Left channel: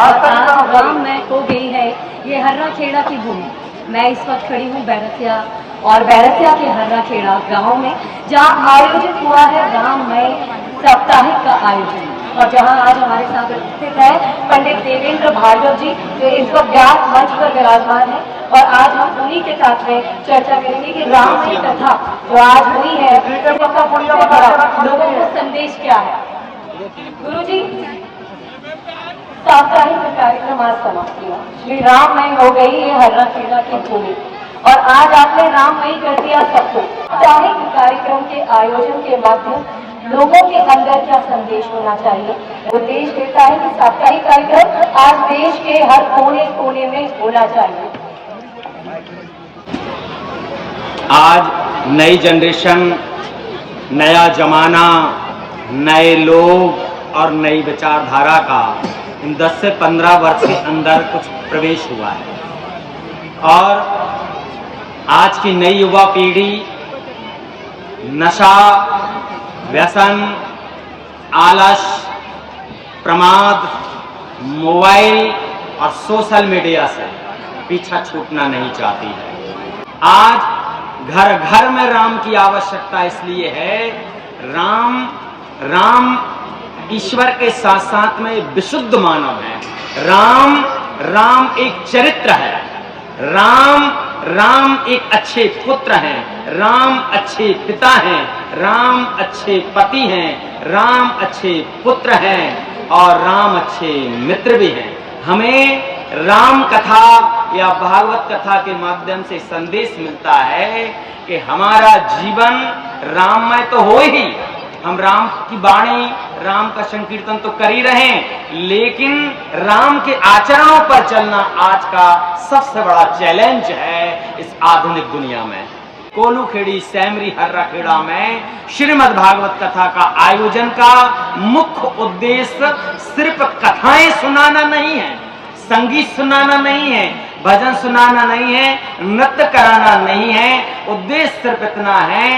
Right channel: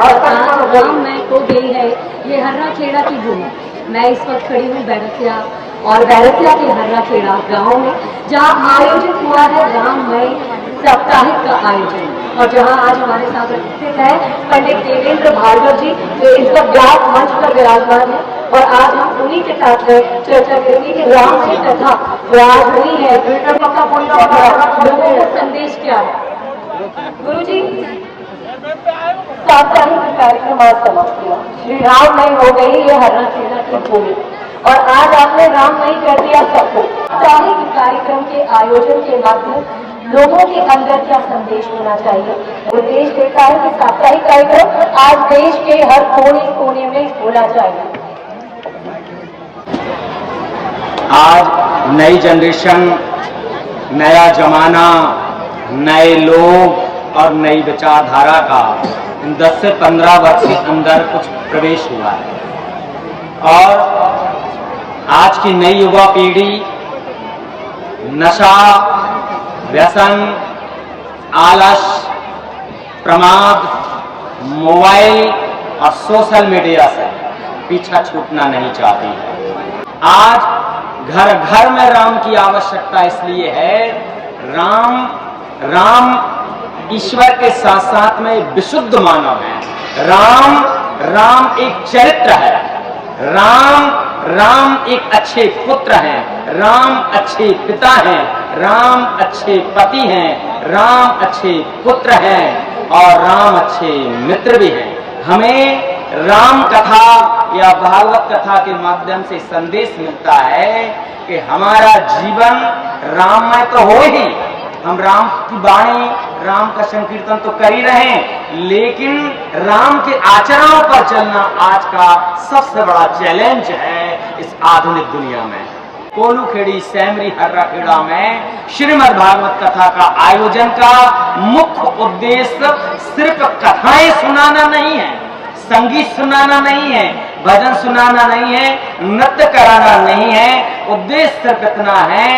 और आज राममय को गई है ये हर्रा खेड़ा की भूमि। मैं इस वक्त खड़ी हूँ बैरसिया और बैरसिया के हर्रा खेड़ा गाँव में, जहाँ आयोजित हुआ है राममय साप्ताहिक का आयोजन, और जहां आज हमारे साथ उपस्थित है पंडित देवेंद्र भार्गव जी, जो इस वक्त व्यास मंच पर विराजमान है। और आज हम उन्हीं के साथ में चर्चा करेंगे कि राममय कथा जो आज हुई है लोगों को संदेश क्या है। गुरु जी, साप्ताहिक कार्यक्रम आज समाप्त हुआ, श्री राममय हो गई ये हर्रा खेड़ा की भूमि, और आज आपने राममय कर दिया सबको। साप्ताहिक कार्यक्रम के आयोजन के माध्यम लोगों के अंदर क्या संदेश होना चाहिए, वो देश कहता है कि साप्ताहिक कार्यक्रम आज देश के हर कोने कोने में होना चाहिए। आज नई जनरेशन, नया जमाना, नए लोग और नई विचारधारा का इन 10 से 15 वर्ष के अंदर कुछ प्रवेश हुआ है, और आज की नई युवा पीढ़ी नशा, व्यसन, आलस, प्रमाद, मोबाइल और सोशल मीडिया से पीछा छूटना नहीं चाहती है। आज घर घर में राम की आवश्यकता इसलिए है, राम ईश्वर के साथ साथ में विशुद्ध मानव है। राम एक चरित्र है। राम एक अच्छे पुत्र हैं, राम अच्छे पिता हैं, राम अच्छे पति हैं, राम अच्छे पुत्र हैं, और राम अच्छे मित्र भी हैं। हमें राम कथा या भागवत कथा के माध्यम से संदेश मिलता है कि हमारा जीवन राममय तो हो ही, हम राम की वाणी, राम का संकीर्तन तो कर ही रहे हैं, लेकिन राम के आचरणों पर चलना आज का सबसे बड़ा चैलेंज है इस आधुनिक दुनिया में। कोलू खेड़ी सैमरी हर्रा खेड़ा में श्रीमद् भागवत कथा का आयोजन का मुख्य उद्देश्य सिर्फ कथाएं सुनाना नहीं है, संगीत सुनाना नहीं है, भजन सुनाना नहीं है, नृत्य कराना नहीं है। उद्देश्य सिर्फ इतना है,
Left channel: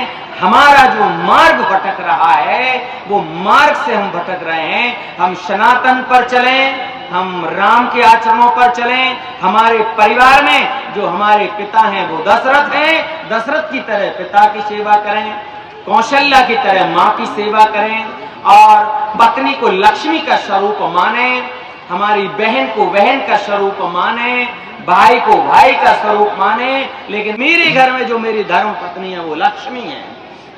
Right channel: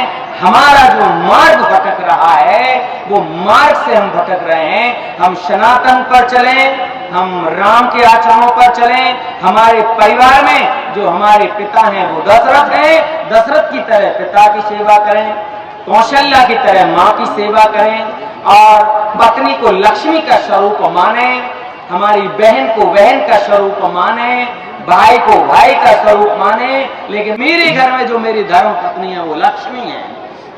हमारा जो मार्ग भटक रहा है वो मार्ग से हम भटक रहे हैं। हम सनातन पर चलें, हम राम के आचरणों पर चलें। हमारे परिवार में जो हमारे पिता हैं वो दशरथ हैं, दशरथ की तरह पिता की सेवा करें, कौशल्या की तरह माँ की सेवा करें, और पत्नी को लक्ष्मी का स्वरूप माने, हमारी बहन को बहन का स्वरूप माने, भाई को भाई का स्वरूप माने। लेकिन मेरे घर में जो मेरी धर्म पत्नी है वो लक्ष्मी है,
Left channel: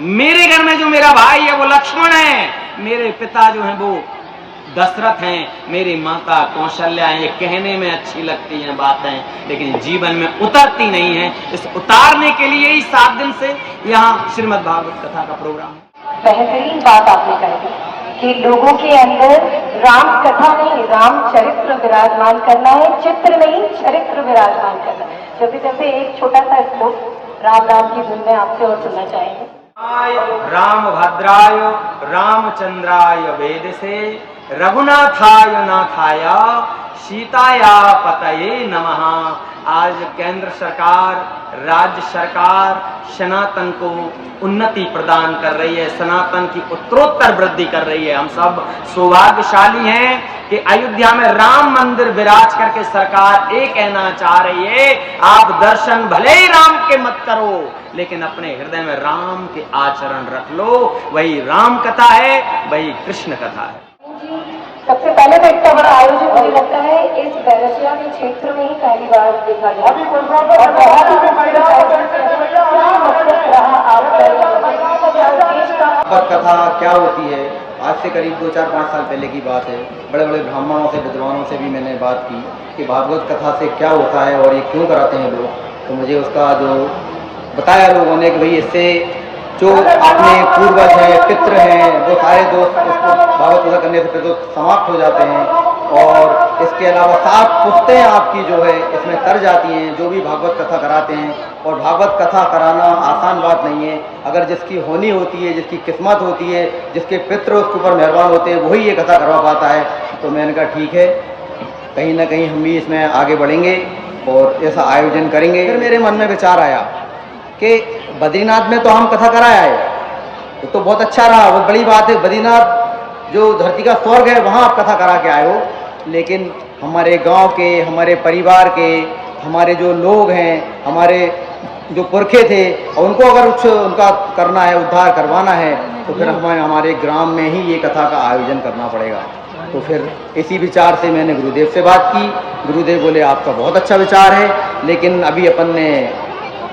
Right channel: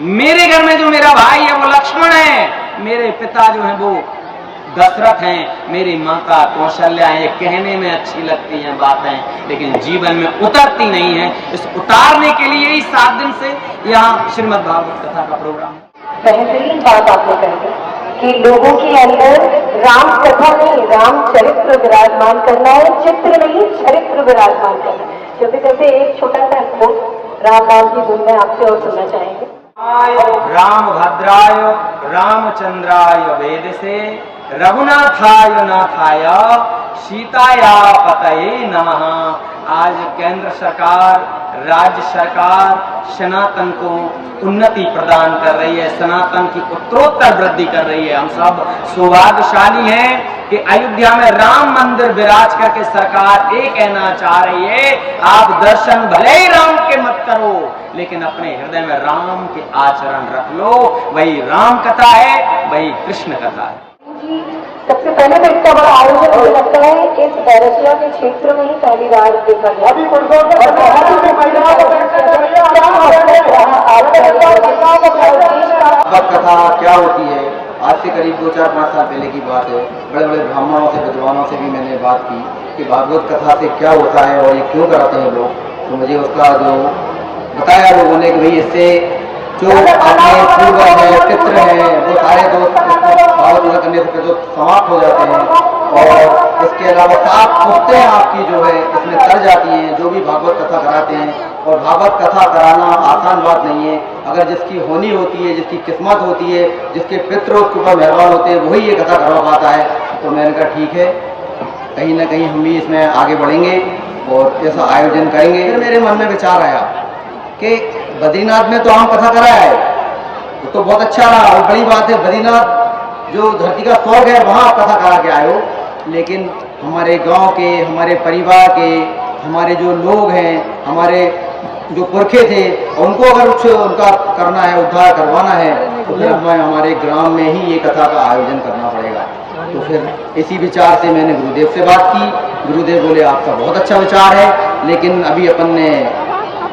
मेरे घर में जो मेरा भाई है वो लक्ष्मण है, मेरे पिता जो हैं वो दशरथ हैं, मेरी माता कौशल्या है। ये कहने में अच्छी लगती हैं बातें, लेकिन जीवन में उतरती नहीं है। इस उतारने के लिए ही 7 दिन से यहाँ श्रीमद् भागवत कथा का प्रोग्राम है। बेहतरीन बात आपने कही कि लोगों के अंदर राम कथा नहीं, राम चरित्र विराजमान करना है, चित्र नहीं चरित्र विराजमान करना है। क्योंकि जैसे एक छोटा सा स्पोर्ट राम की धुन में आपसे और सुनना चाहेंगे। राम भद्राय रामचंद्राय वेदसे रघुनाथाय नाथाय सीताया पतये नमः। आज केंद्र सरकार, राज्य सरकार सनातन को उन्नति प्रदान कर रही है, सनातन की उत्तरोत्तर वृद्धि कर रही है। हम सब सौभाग्यशाली हैं कि अयोध्या में राम मंदिर विराज करके सरकार एक कहना चाह रही है, आप दर्शन भले ही राम के मत करो, लेकिन अपने हृदय में राम के आचरण रख लो। वही राम कथा है, वही कृष्ण कथा है। सबसे पहले तो इतना बड़ा आयोजन मुझे लगता है इस बैरसिया के क्षेत्र में ही पहली बार देखा गया। भागवत कथा क्या होती है, आज से करीब 2-4-5 साल पहले की बात है। बड़े बड़े ब्राह्मणों से, विद्वानों से भी मैंने बात की कि भागवत कथा से क्या होता है और ये क्यों कराते हैं लोग। तो मुझे उसका जो बताया लोगों ने कि भाई इससे जो अपने पूर्वज हैं, पितृ हैं, वो सारे दोस्त भागवत कथा करने से फिर तो समाप्त हो जाते हैं, और इसके अलावा 7 पुश्तें आपकी जो है इसमें तर जाती हैं जो भी भागवत कथा कराते हैं। और भागवत कथा कराना आसान बात नहीं है। अगर जिसकी होनी होती है, जिसकी किस्मत होती है, जिसके पितृ उसके ऊपर मेहरबान होते हैं, वही ये कथा करवा पाता है। तो मैंने कहा ठीक है, कहीं ना कहीं हम भी इसमें आगे बढ़ेंगे और ऐसा आयोजन करेंगे। फिर मेरे मन में विचार आया कि बद्रीनाथ में तो हम कथा कराया है, तो बहुत अच्छा रहा, वो बड़ी बात है। बद्रीनाथ जो धरती का स्वर्ग है वहाँ आप कथा करा के आए हो, लेकिन हमारे गांव के, हमारे परिवार के, हमारे जो लोग हैं, हमारे जो पुरखे थे, और उनको अगर कुछ उनका करना है, उद्धार करवाना है, तो फिर हमें हमारे ग्राम में ही ये कथा का आयोजन करना पड़ेगा। तो फिर इसी विचार से मैंने गुरुदेव से बात की। गुरुदेव बोले आपका बहुत अच्छा विचार है, लेकिन अभी अपन ने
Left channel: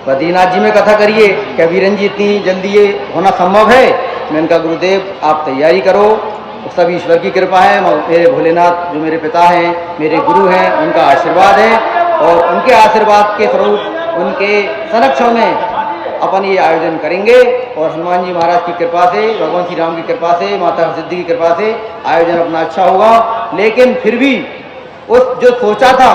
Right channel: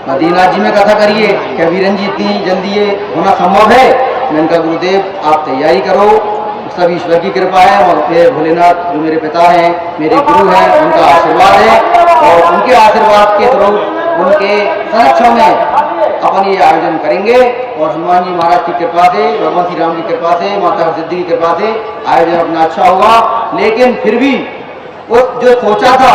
बद्रीनाथ जी में कथा करिए, क्या वीरन जी इतनी जल्दी ये होना संभव है? मैंने कहा गुरुदेव आप तैयारी करो, सब ईश्वर की कृपा है, और मेरे भोलेनाथ जो मेरे पिता हैं, मेरे गुरु हैं, उनका आशीर्वाद है, और उनके आशीर्वाद के स्वरूप उनके संरक्षण में अपन ये आयोजन करेंगे, और हनुमान जी महाराज की कृपा से, भगवान श्री राम की कृपा से, माता सिद्धि की कृपा से आयोजन अपना अच्छा होगा। लेकिन फिर भी उस जो सोचा था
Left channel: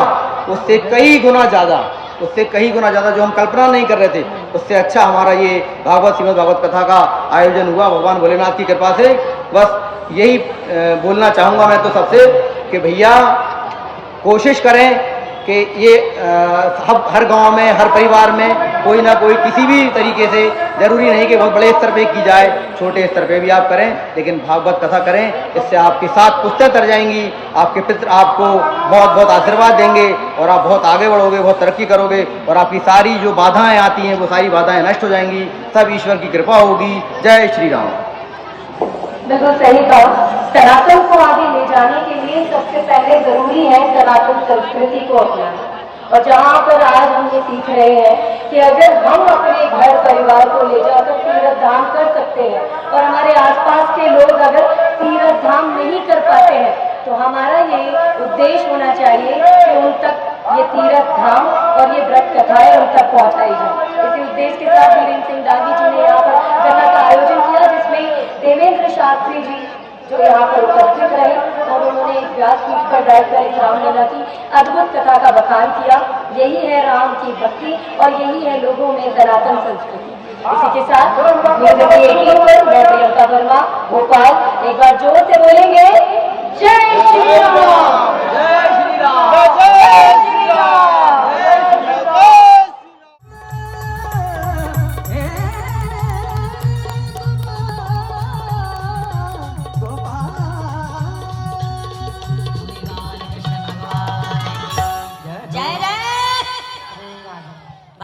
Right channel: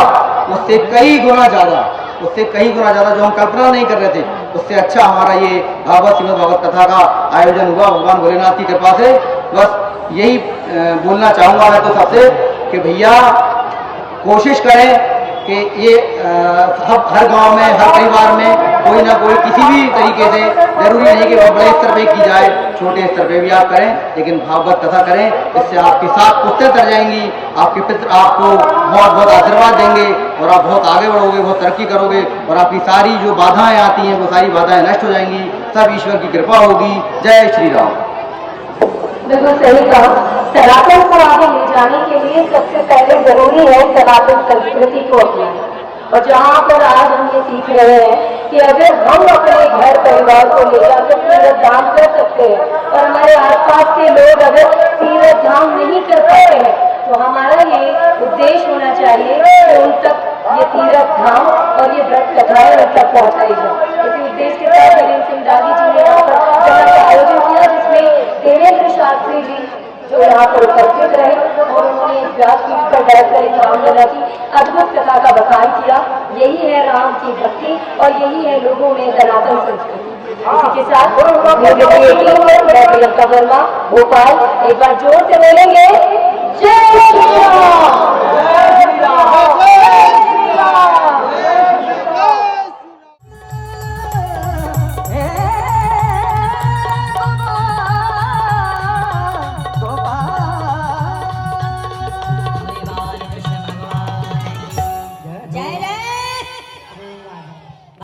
उससे कई गुना ज़्यादा, जो हम कल्पना नहीं कर रहे थे, उससे अच्छा हमारा ये भागवत श्रीमद् भागवत कथा का आयोजन हुआ भगवान भोलेनाथ की कृपा से। बस यही बोलना चाहूँगा मैं तो सबसे कि भैया कोशिश करें कि ये हर गांव में, हर परिवार में कोई ना कोई किसी भी तरीके से, जरूरी नहीं कि बहुत बड़े स्तर पे की जाए, छोटे स्तर पे भी आप करें, लेकिन भागवत कथा करें। इससे आपकी 7 पुश्तें तर जाएंगी, आपके पितृ आपको बहुत बहुत आशीर्वाद देंगे, और आप बहुत आगे बढ़ोगे, बहुत तरक्की करोगे, और आपकी सारी जो बाधाएं आती हैं वो सारी बाधाएं नष्ट हो जाएंगी। सब ईश्वर की कृपा होगी। जय श्री राम। बिल्कुल सही कहा। सनातन को आगे ले जाने के लिए सबसे पहले जरूरी है सनातन संस्कृति को अपनाना। और जहाँ पर आज हम ये सीख रहे हैं कि अगर हम अपने घर परिवार को ले जाकर तीर्थ धाम कर सकते हैं, और हमारे आसपास के लोग अगर तीर्थ धाम नहीं कर पाते हैं, तो हमारा ये उद्देश्य होना चाहिए कि उन तक ये तीर्थ धाम और ये व्रत कथाएं उन तक पहुँचाई जाए। इसी उद्देश्य के साथ वीरेंद्र सिंह दागी जी ने यहाँ पर कथा का आयोजन किया, जिसमें देवेंद्र शास्त्री जी जो यहाँ पर उपस्थित रहे, और उन्होंने इस व्यासपीठ पर बैठकर इस रामलीला की अद्भुत कथा का बखान किया। यही है राम की भक्ति, और यही है लोगों में सनातन संस्कृति। इसी के साथ मैं प्रियंका वर्मा भोपाल एक बार जोर से बोलेंगे जय श्री राम। जय श्री राम।